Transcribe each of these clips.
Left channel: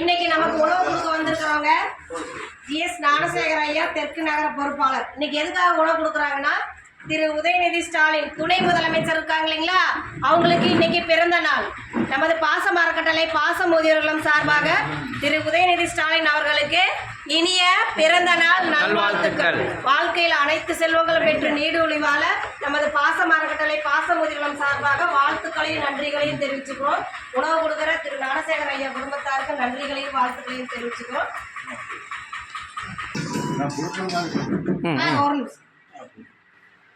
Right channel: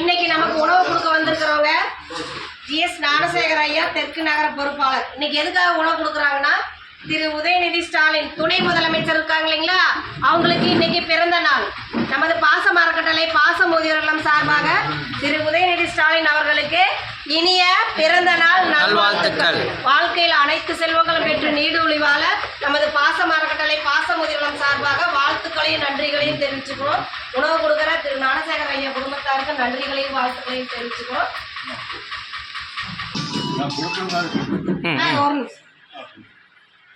இன்னைக்கு நமக்கு உணவு கொடுக்க வந்திருக்கிறவங்க ஜிஎஸ் ஞானசேகர் ஐயா தெற்கு நகர பொறுப்பாளர். இன்னைக்கு எதுக்காக உணவு கொடுக்குறாங்கன்னா, திரு உதயநிதி ஸ்டாலின் துணை முதலமைச்சர் இருக்காங்க இல்லைங்களா, அவங்களுக்கு இன்னைக்கு பிறந்த நாள். நமது பாசம் அறக்கட்டளை பாச முதியோர்களும் சார்பாக திரு உதயநிதி ஸ்டாலின் அவர்களுக்கு இனிய பிறந்த நாள் நல்வாழ்த்துக்கள். வாழ்க்கையில் அனைத்து செல்வங்களும் பெற்று நீடூழி வாழ நமது பாசம் அறக்கட்டளை பாச முதியோர்களும் சார்பாக வாழ்த்துக்களையும் நன்றிகளையும் தெரிவிச்சுக்கிறோம். உணவு கொடுக்குற திரு ஞானசேகர் ஐயா குடும்பத்தாருக்கு நன்றிகளையும் வாழ்த்துக்களையும் தெரிவிச்சுக்கிறோம்.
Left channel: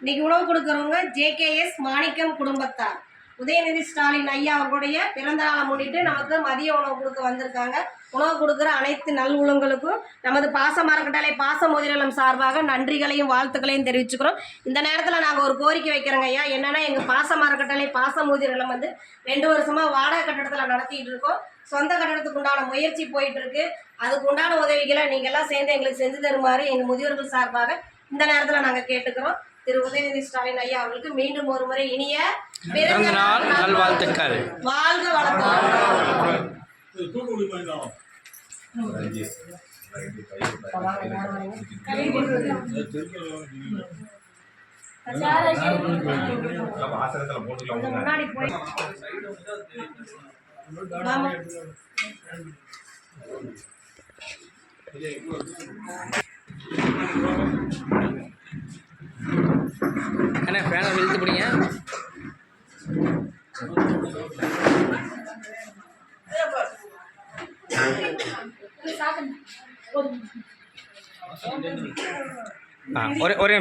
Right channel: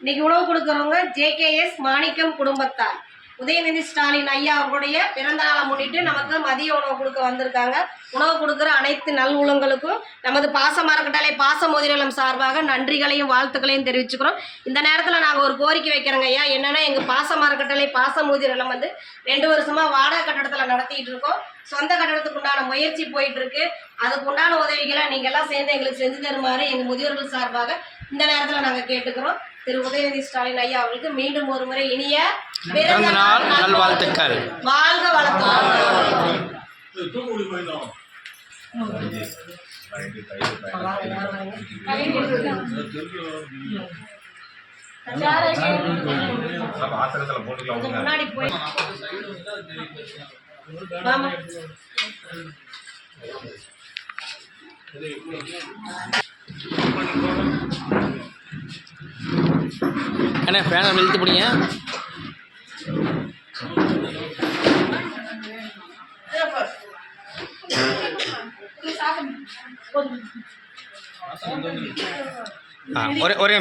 இன்னைக்கு உணவு கொடுக்குறவங்க JKS மாணிக்கம் குடும்பத்தார். உதயநிதி ஸ்டாலின் ஐயா அவர்களுடைய பிறந்த நாளை முன்னிட்டு நமக்கு மதிய உணவு கொடுக்க வந்திருக்காங்க. உணவு கொடுக்குற அனைத்து நல் உள்ளங்களுக்கும் நமது பாச அறக்கட்டளை பாச முதியோர்களும் சார்பாக நன்றிகளையும் வாழ்த்துக்களையும் தெரிவிச்சுக்கிறோம். இந்த நேரத்தில் நாங்கள் ஒரு கோரிக்கை வைக்கிறோங்க ஐயா. என்னென்னா, எங்கள் பாச அறக்கட்டளை பாச முதியோர்களும் 2 வருஷமாக வாடகை கட்டடத்தில் நடத்திட்டு இருக்கோம். சொந்த கட்டடத்துக்கு உண்டான முயற்சி போயிட்டு இருக்கு. அதுக்கு உண்டான உதவிகளை நீங்கள்லாம் சேர்ந்து எங்களுக்கு செஞ்சு தருமாறு எங்கள் முதியோர்கள் சார்பாக இந்த நேரத்தில் நாங்கள் கேட்டுக்கிறோம். திரு உதயநிதி ஸ்டாலின் ஐயா அவர்களுக்கு மீண்டும் ஒரு முறை இனிய பிறந்த நாள் நல்வாழ்த்துக்கள். வாழ்க வளத்துடன். முன்னாடி போய் அண்ணே ஃபேனை இழுத்து பிடிங்க. ஒரே